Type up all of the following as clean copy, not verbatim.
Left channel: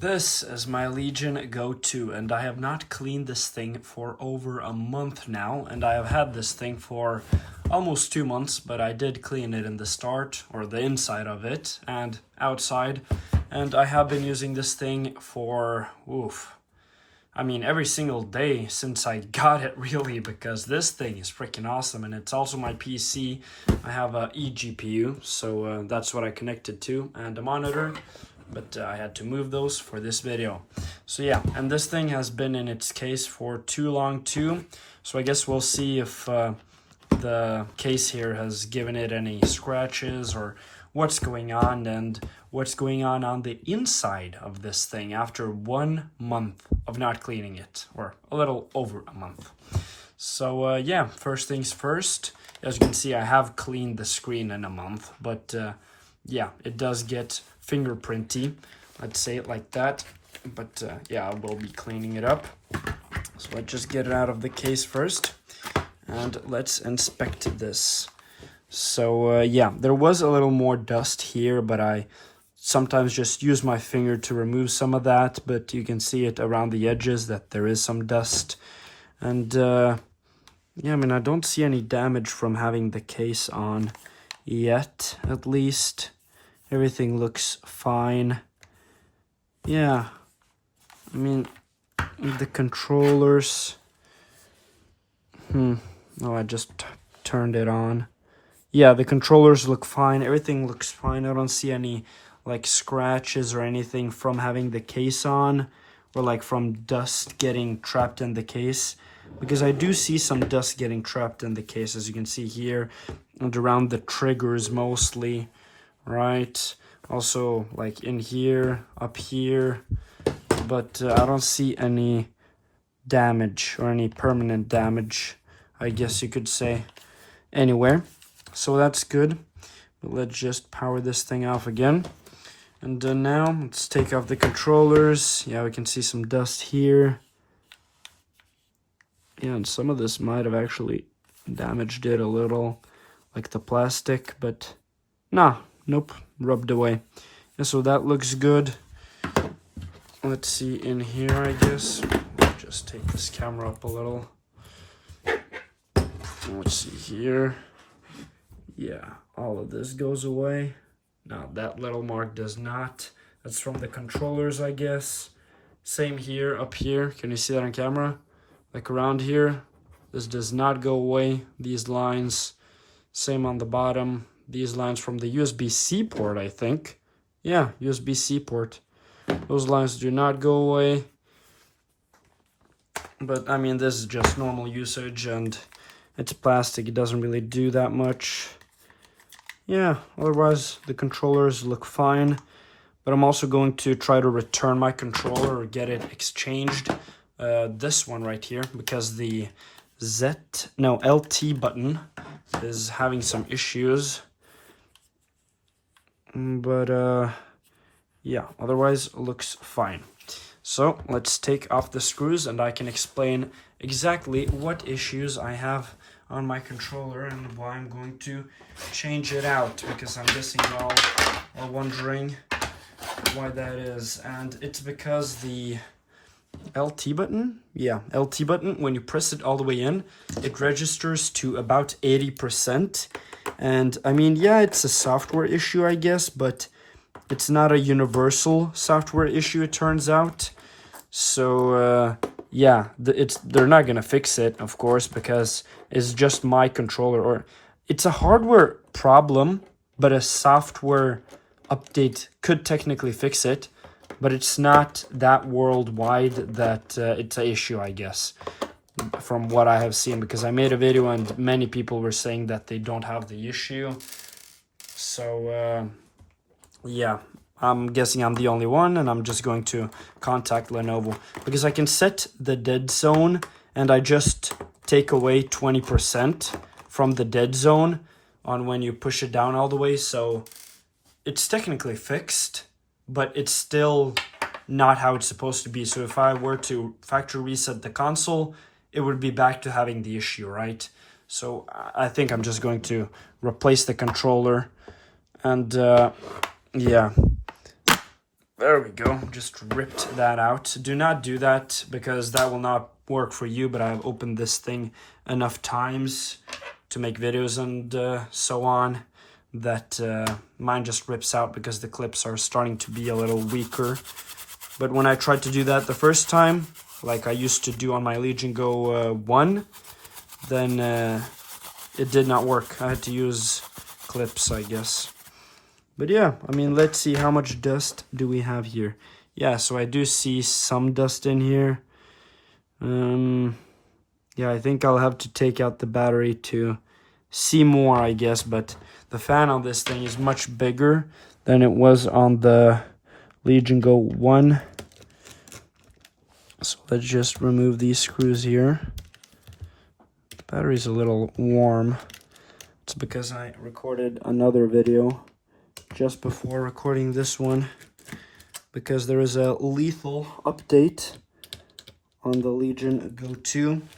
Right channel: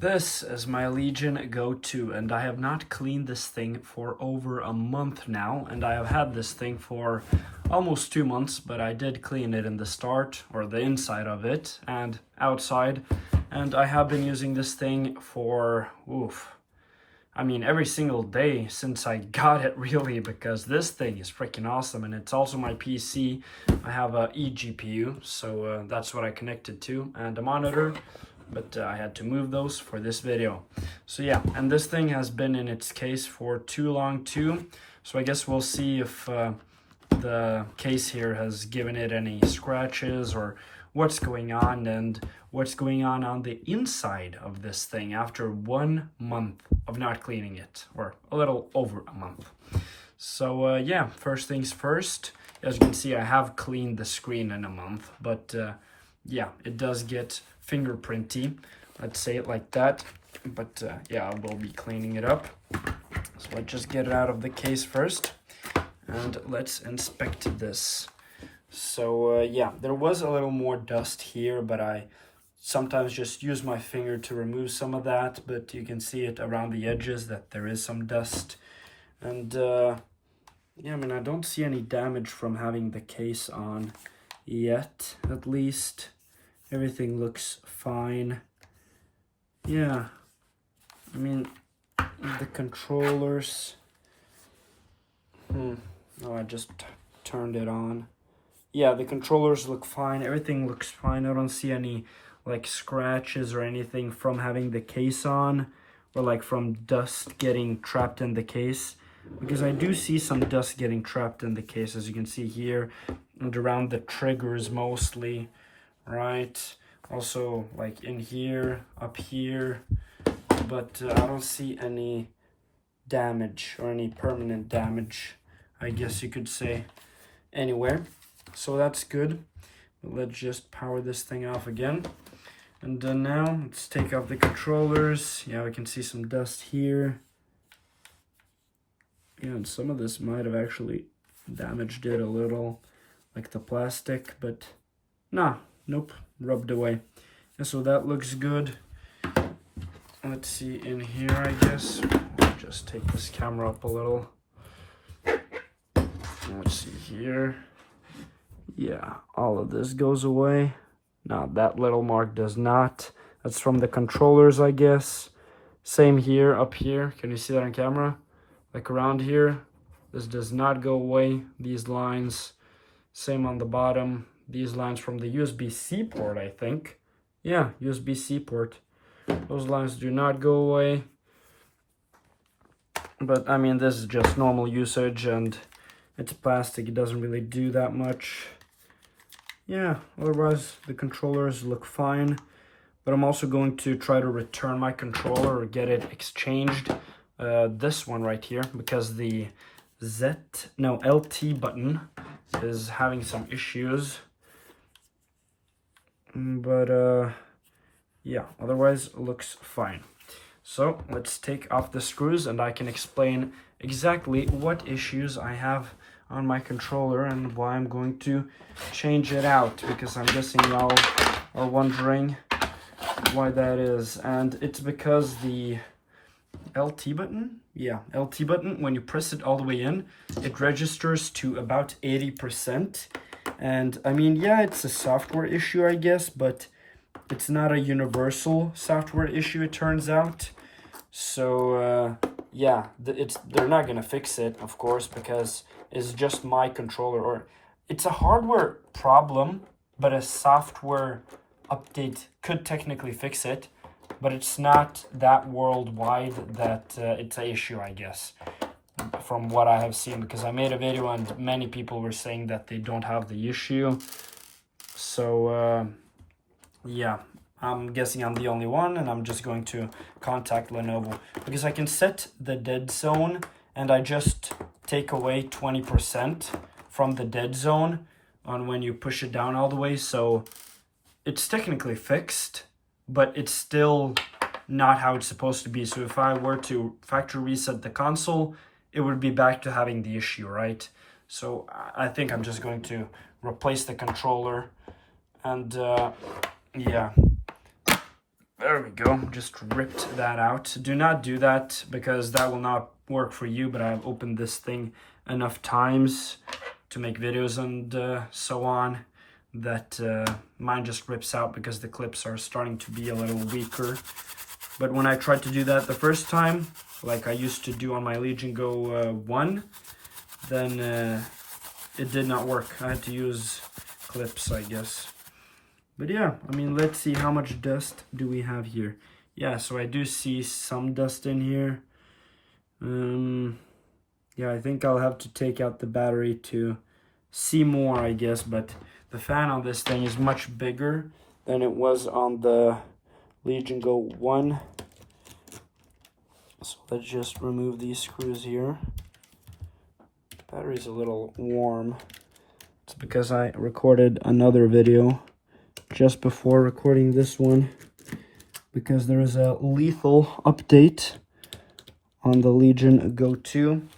This is my Legion go-to, and I have not cleaned this thing for over a month now, and I have had this thing for almost 2 months, but I did clean it in the start, or the inside of it, and outside, and I have been using this thing for, every single day since I got it, really, because this thing is freaking awesome, and it's also my PC. I have a eGPU, so that's what I connected to, and a monitor. But I had to move those for this video. So yeah, and this thing has been in its case for too long too. So I guess we'll see if the case here has given it any scratches or what's going on, and what's going on the inside of this thing after 1 month of not cleaning it, or a little over a month. So yeah, first things first, as you can see, I have cleaned the screen in a month, but yeah, it does get fingerprinty, let's say it like that, but yeah, I will be cleaning it up. So let's just get it out of the case first, and let's inspect this. So yeah, there was a little more dust here, but I sometimes just use my finger to remove some of that, but you can see it around the edges that there is some dust. And yeah, I don't see any damage from having the case on yet, at least. Everything looks fine. Yeah, the controllers. Oh, I just turned it on. Yeah, the controllers look fine. Everything looks fine. I don't see any like scratches or anything from having the case on, or like from dust getting trapped in the case, because I do see some dust getting trapped in the case, as you can see here, and around the triggers mostly. Right, also like in here, up here, but I don't see any damage or any permanent damage, I guess you could say, anywhere. So that's good. But let's just power this thing off again. And now let's take off the controllers. Yeah, we can see some dust here. Yeah, and some of this might have actually damaged it a little, like the plastic, but nah. Nope, rubbed away. Yeah, so that looks good. Let's see in here, I guess. I'll just take this camera up a little. Let's see here. Yeah, all of this goes away. Now that little mark does not. That's from the controllers, I guess. Same here, up here. Can you see that on camera? Like around here. This does not go away, these lines. Same on the bottom. These lines from the USB-C port, I think. Yeah, USB-C port. Those lines do not go away. But, this is just normal usage, and it's plastic. It doesn't really do that much. Yeah, otherwise, the controllers look fine. But I'm also going to try to return my controller or get it exchanged. This one right here, because the LT button is having some issues. But yeah, otherwise looks fine. So let's take off the screws, and I can explain exactly what issues I have on my controller and why I'm going to change it out, because I'm guessing y'all are wondering why that is. And it's because the LT button, LT button, when you press it all the way in, it registers to about 80%. And yeah, it's a software issue, I guess, but it's not a universal software issue, it turns out. So yeah, they're not gonna fix it, of course, because it's just my controller, or it's a hardware problem, but a software update could technically fix it, but it's not that worldwide that it's an issue, I guess, from what I have seen, because I made a video and many people were saying that they don't have the issue. So yeah, I'm guessing I'm the only one, and I'm just going to contact Lenovo, because I can set the dead zone, and I just take away 20% from the dead zone on when you push it down all the way. So it's technically fixed, but it's still not how it's supposed to be. So if I were to factory reset the console, it would be back to having the issue, right? So I think I'm just going to replace the controller, and yeah, There we go, just ripped that out. Do not do that because that will not work for you, but I've opened this thing enough times to make videos and so on that mine just rips out because the clips are starting to be a little weaker. But when I tried to do that the first time, like I used to do on my Legion Go 1, then it did not work. I had to use clips, I guess. But yeah, I mean, let's see how much dust do we have here. Yeah, so I do see some dust in here. Yeah, I think I'll have to take out the battery to see more, I guess. But the fan on this thing is much bigger than it was on the Legion Go 1. So let's just remove these screws here. The battery's a little warm. It's because I recorded another video just before recording this one, because there is a lethal update on the Legion Go 2.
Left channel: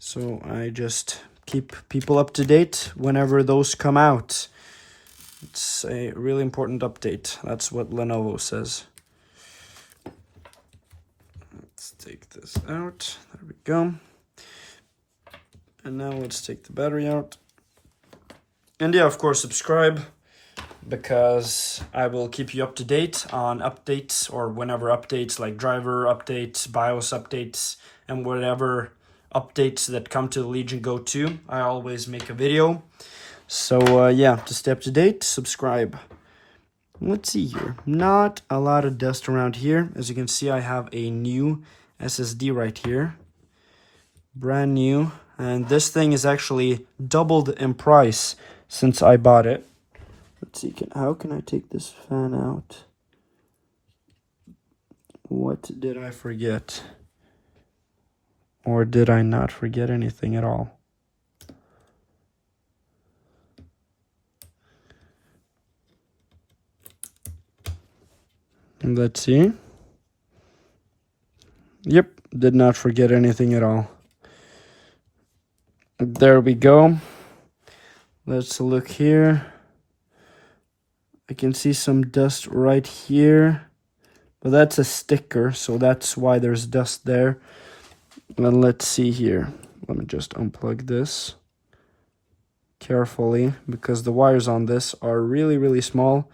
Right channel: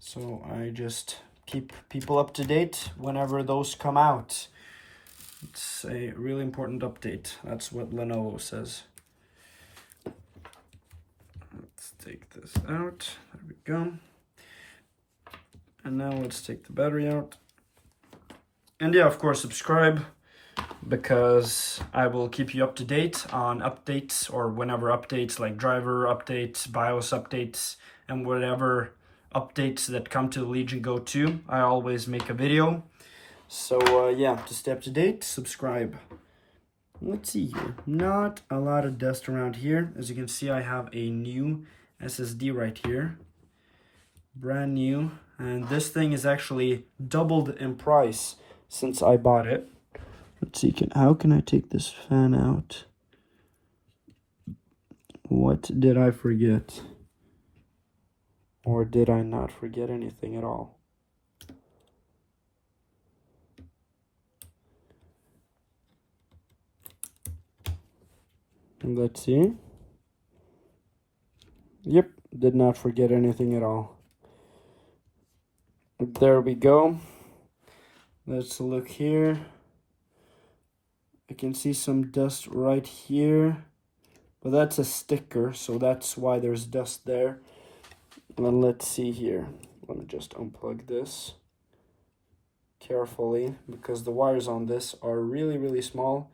So I just keep people up to date whenever those come out. It's a really important update. That's what Lenovo says. Let's take this out. There we go. And now let's take the battery out. And yeah, of course, subscribe, because I will keep you up to date on updates, or whenever updates like driver updates, BIOS updates, and whatever updates that come to the Legion Go 2. I always make a video. So yeah, to stay up to date, subscribe. Let's see here. Not a lot of dust around here. As you can see, I have a new SSD right here. Brand new. And this thing is actually doubled in price since I bought it. Let's see, how can I take this fan out? What did I forget? Or did I not forget anything at all? And let's see. Yep, did not forget anything at all. There we go. Let's look here. I can see some dust right here, but that's a sticker, so that's why there's dust there. And let's see here. Let me just unplug this carefully, because the wires on this are really, really small.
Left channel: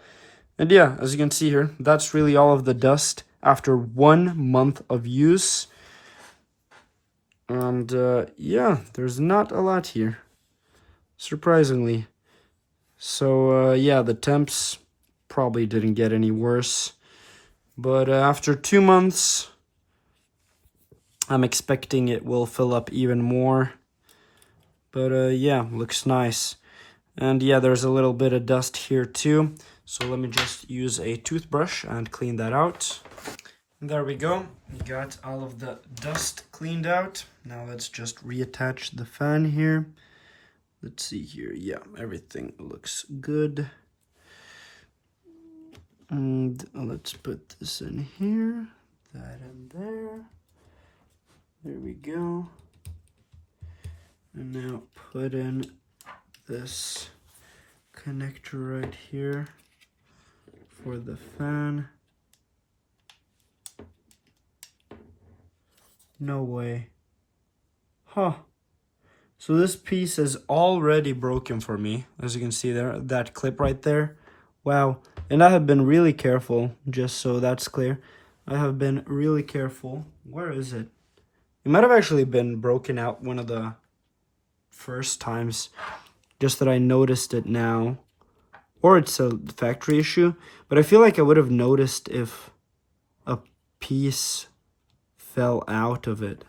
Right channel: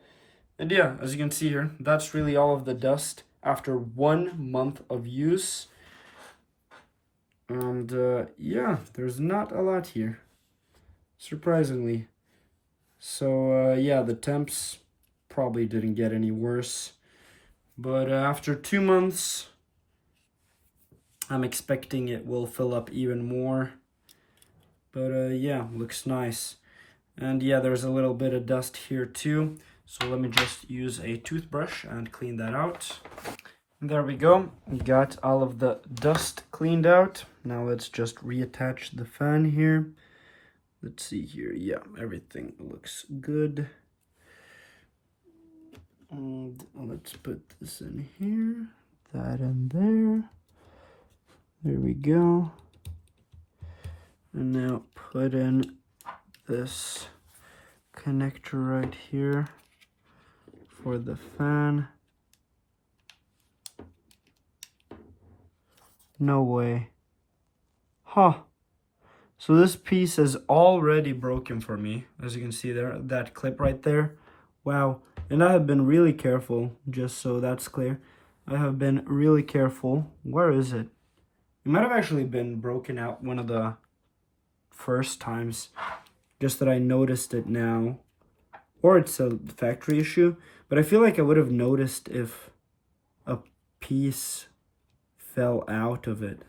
And yeah, as you can see here, that's really all of the dust after 1 month of use. And yeah, there's not a lot here, surprisingly. So yeah, the temps probably didn't get any worse. But after 2 months, I'm expecting it will fill up even more. But yeah, looks nice. And yeah, there's a little bit of dust here too. So let me just use a toothbrush and clean that out. And there we go. We got all of the dust cleaned out. Now let's just reattach the fan here. Let's see here. Yeah, everything looks good. And let's put this in here, that in there. There we go. And now put in this connector right here for the fan. No way. Huh. So this piece is already broken for me, as you can see there, that clip right there. Wow. And I have been really careful, just so that's clear. I have been really careful. Where is it? It might have actually been broken out one of the first times, just that I noticed it now. Or it's a factory issue, but I feel like I would have noticed if a piece fell out of it.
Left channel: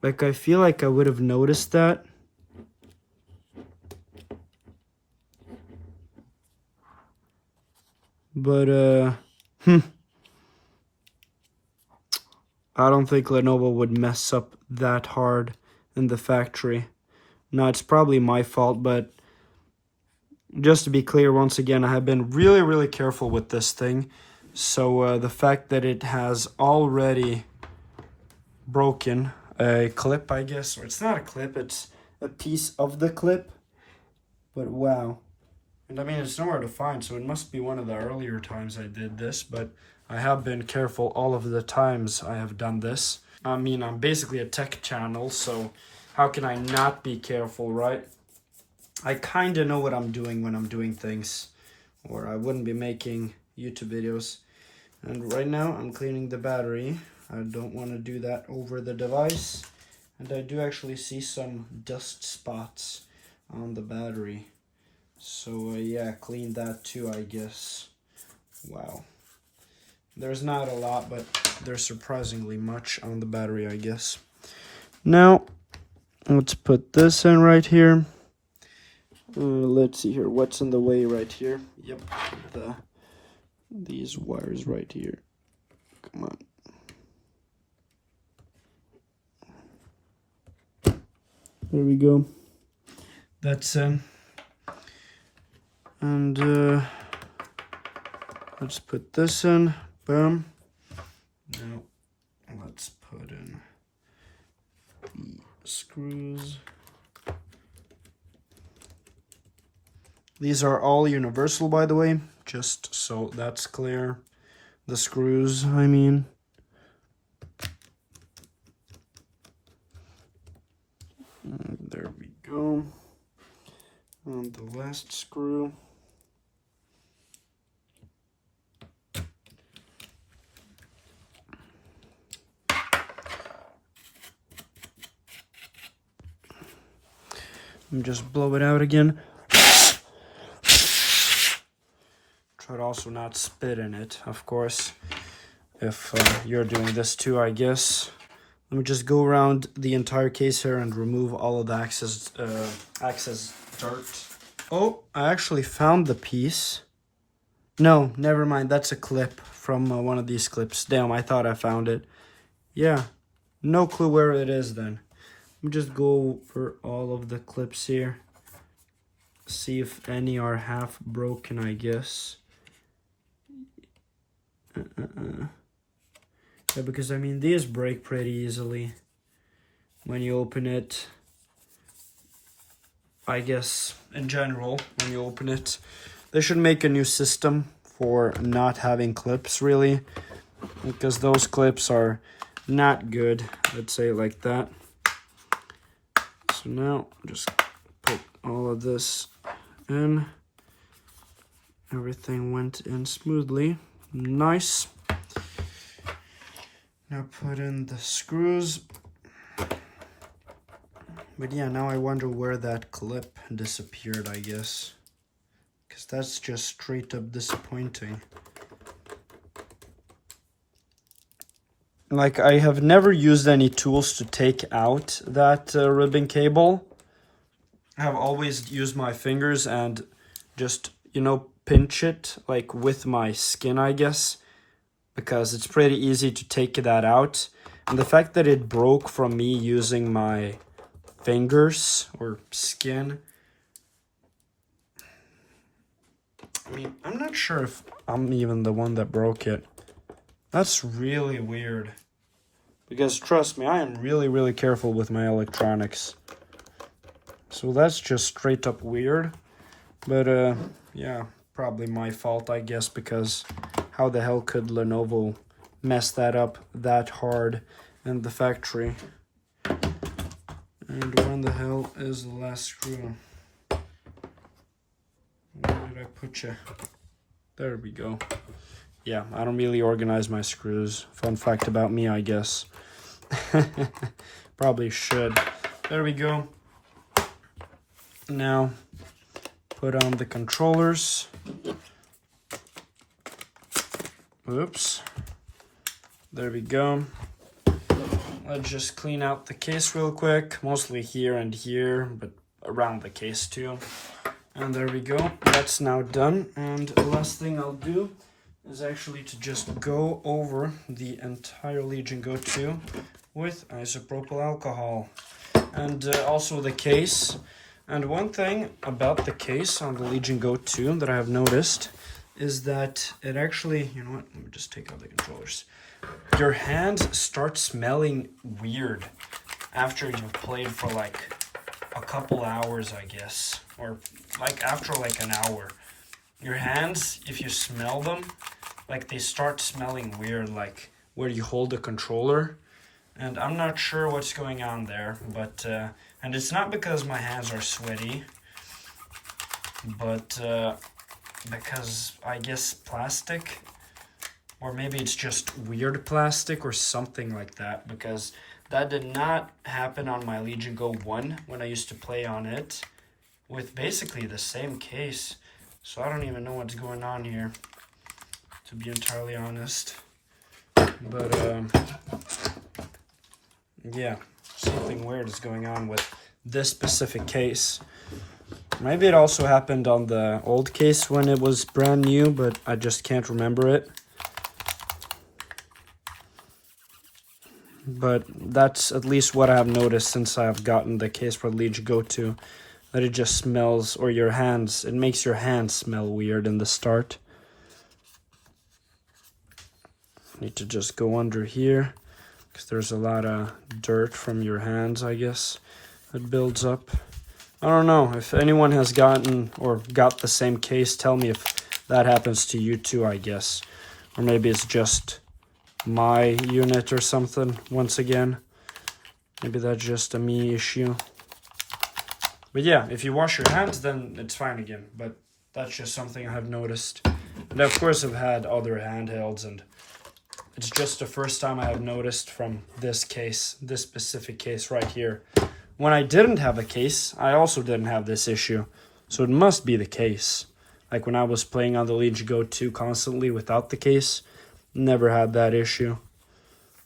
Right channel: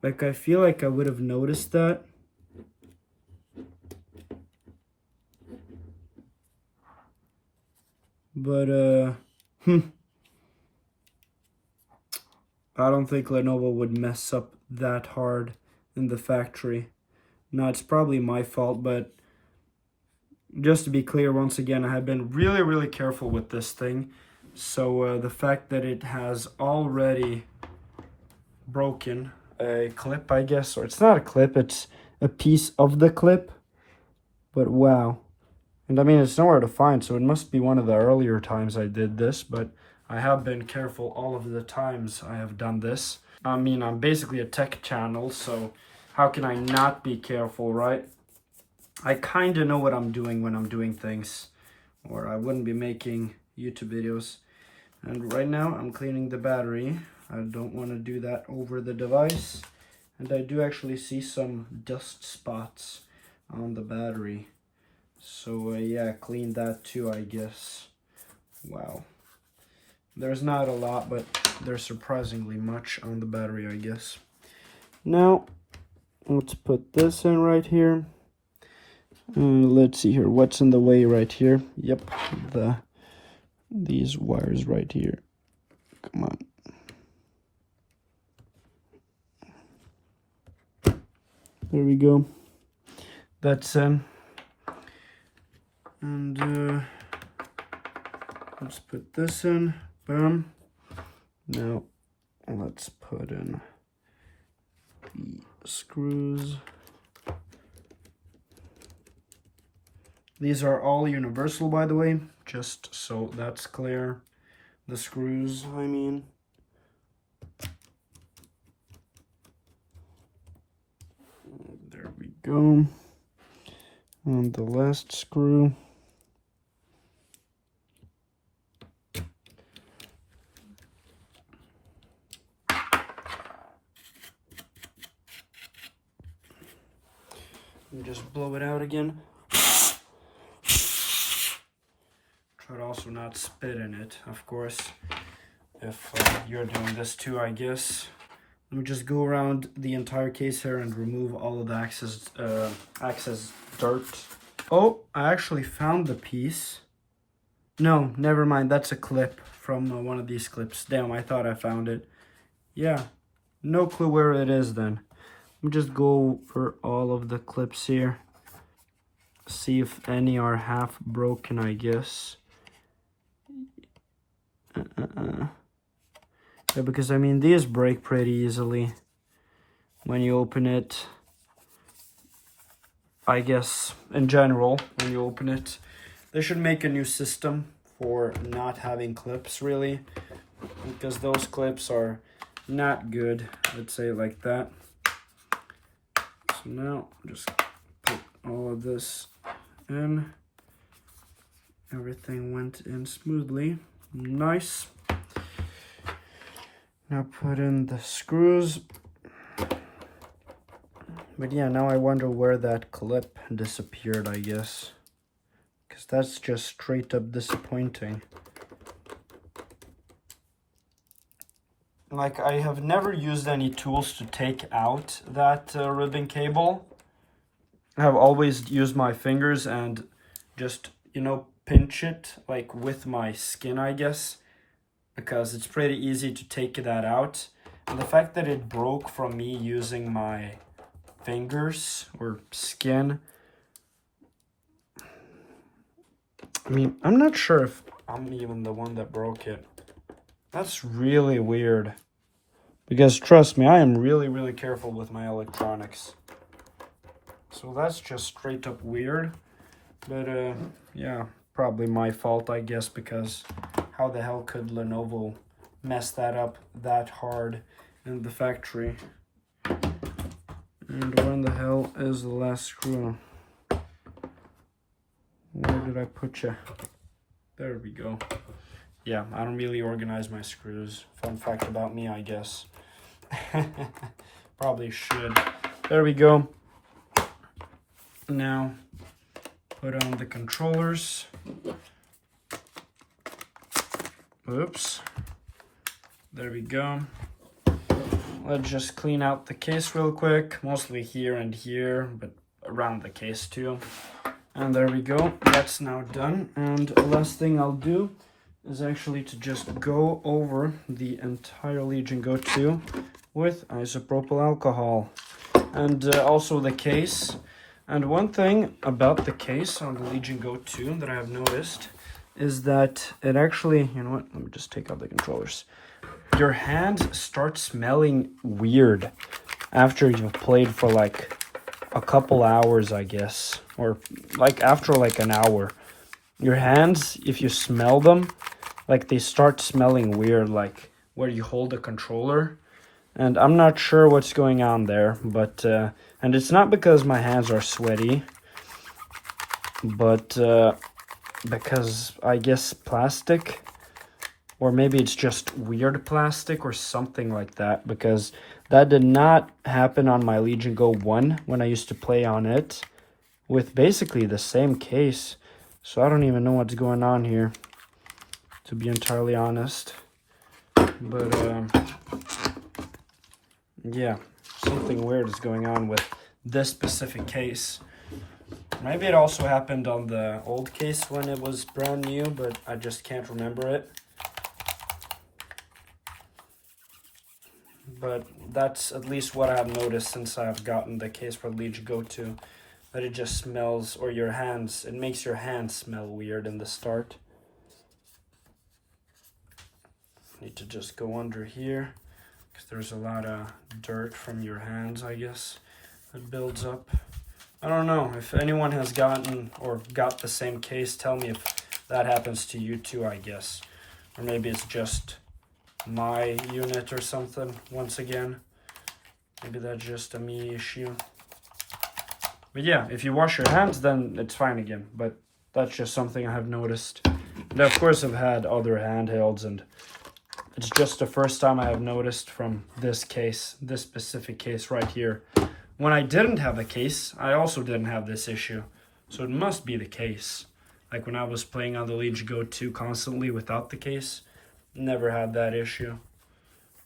Like, I feel like I would have noticed that. But, I don't think Lenovo would mess up that hard in the factory. No, it's probably my fault, but just to be clear, once again, I have been really, really careful with this thing. So the fact that it has already broken a clip, I guess, or it's not a clip, it's a piece of the clip. But wow. And I mean, it's nowhere to find, so it must be one of the earlier times I did this, but I have been careful all of the times I have done this. I mean, I'm basically a tech channel, so how can I not be careful, right? I kind of know what I'm doing when I'm doing things, or I wouldn't be making YouTube videos. And right now, I'm cleaning the battery. I don't want to do that over the device. And I do actually see some dust spots on the battery. So yeah, clean that too, I guess. Wow. There's not a lot, but there's surprisingly much on the battery, I guess. Now, let's put this in right here. Let's see here, what's in the way right here? Yep, these wires right here. Come on. There we go. That's in. And let's put this in. Boom. Now let's put in the screws. These are all universal, by the way, just so that's clear. The screws, I mean. And there we go. And the last screw. And just blow it out again. Try to also not spit in it, of course, if you're doing this too, I guess. Let me just go around the entire case here and remove all of the excess dirt. Oh, I actually found the piece. No, never mind. That's a clip from one of these clips. Damn, I thought I found it. Yeah, no clue where it is then. Let me just go over all of the clips here. See if any are half broken, I guess. Yeah, because I mean, these break pretty easily when you open it. I guess, in general, when you open it. They should make a new system for not having clips, really. Because those clips are not good, let's say it like that. So now, just put all of this in. Everything went in smoothly. Nice. Now put in the screws. But yeah, now I wonder where that clip disappeared, I guess. Because that's just straight up disappointing. Like, I have never used any tools to take out that ribbon cable. I have always used my fingers and just, you know, pinch it, like with my skin, I guess. Because it's pretty easy to take that out. And the fact that it broke from me using my fingers or skin, I mean, I'm not sure if I'm even the one that broke it. That's really weird. Because trust me, I am really, really careful with my electronics. So that's just straight up weird. But yeah, probably my fault, I guess, because how the hell could Lenovo mess that up that hard in the factory? And when the hell is the last screw? Where did I put you? There we go. Yeah, I don't really organize my screws. Fun fact about me, I guess. Probably should. There we go. Now, put on the controllers. Oops. There we go. Let's just clean out the case real quick. Mostly here and here, but around the case too. And there we go. That's now done. And the last thing I'll do is actually to just go over the entire Legion Go 2 with isopropyl alcohol. And also the case. And one thing about the case on the Legion Go 2 that I have noticed is that it actually, you know what, let me just take out the controllers. Your hand starts smelling weird after you've played for like a couple hours, I guess. Or like after like an hour. your hands, if you smell them, like they start smelling weird, like where you hold the controller. And I'm not sure what's going on there, but and it's not because my hands are sweaty, but because I guess plastic, or maybe it's just weird plastic or something like that, because that did not happen on my Legion Go 1 when I used to play on it with basically the same case. So I don't even know what's going on here, to be entirely honest. But yeah, something weird is going on with this specific case. Maybe it also happened on the old case when it was brand new, but I just can't remember it. But that's at least what I've noticed since I've gotten the case for Legion Go 2. That it just smells, or your hands, it makes your hands smell weird in the start. Need to just go under here, because there's a lot of dirt from your hands, I guess, that builds up. I don't know, if anyone has gotten or got the same case, tell me if that happens to you too, I guess. Or maybe it's just my unit or something, once again. Maybe that's just a me issue. But yeah, if you wash your hands, then it's fine again. But that's just something I have noticed. And of course, I've had other handhelds, and it's just the first time I have noticed from this case, this specific case right here. When I didn't have a case, I also didn't have this issue. So it must be the case. Like when I was playing on the Legion Go 2 constantly without the case, never had that issue.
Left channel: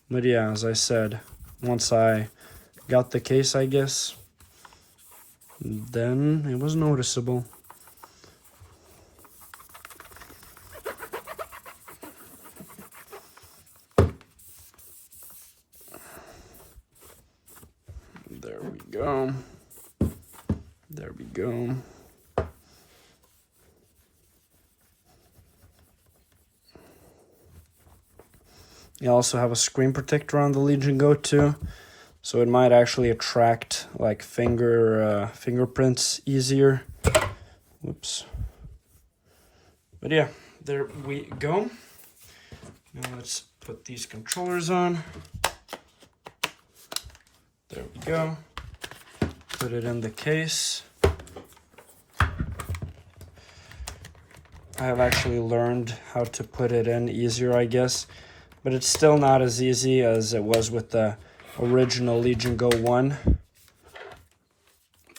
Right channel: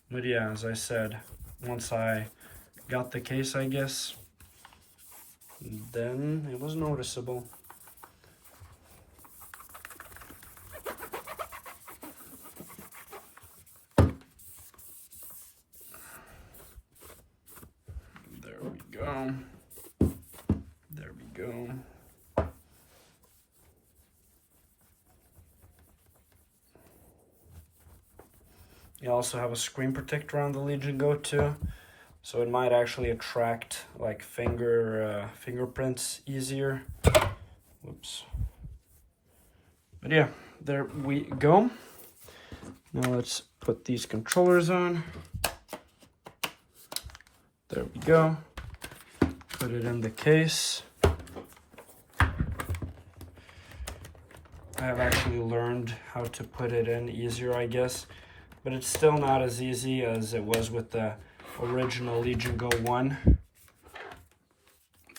But yeah, as I said, once I got the case, I guess, then it was noticeable. There we go. There we go. You also have a screen protector on the Legion Go 2, so it might actually attract like fingerprints easier. Whoops. But yeah, there we go. Now let's put these controllers on. There we go. Put it in the case. I have actually learned how to put it in easier, I guess. But it's still not as easy as it was with the original Legion Go 1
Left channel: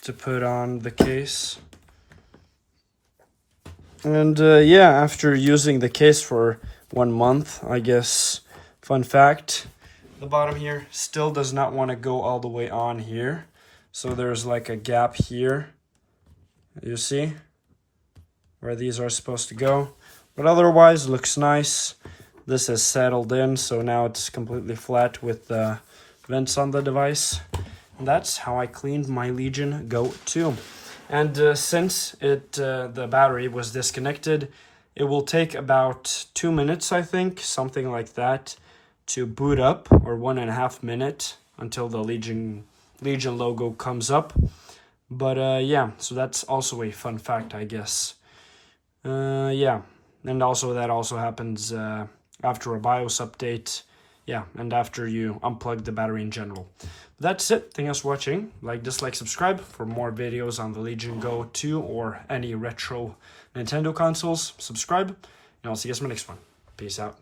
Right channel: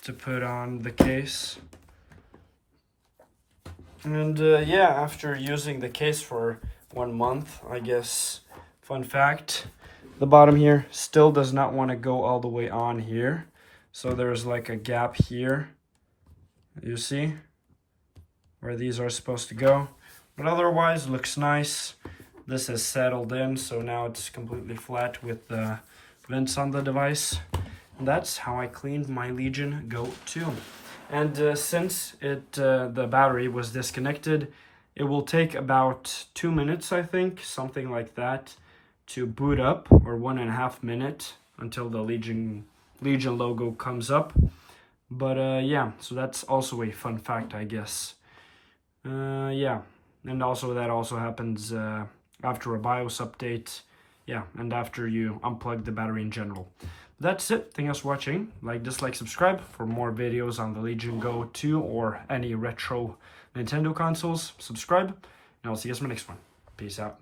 to put on the case. And yeah, after using the case for 1 month, I guess, fun fact, the bottom here still does not want to go all the way on here. So there's like a gap here, you see, where these are supposed to go. But otherwise, looks nice. This is settled in, so now it's completely flat with vents on the device. And that's how I cleaned my Legion Go 2. And since the battery was disconnected, it will take about 2 minutes, I think, something like that, to boot up, or 1.5 minutes until the Legion logo comes up. But yeah, so that's also a fun fact, I guess. Yeah, and also that also happens after a BIOS update. Yeah, and after you unplug the battery in general. That's it. Thanks for watching. Like, dislike, subscribe for more videos on the Legion Go 2 or any retro Nintendo consoles. Subscribe, and I'll see you guys in my next one. Peace out.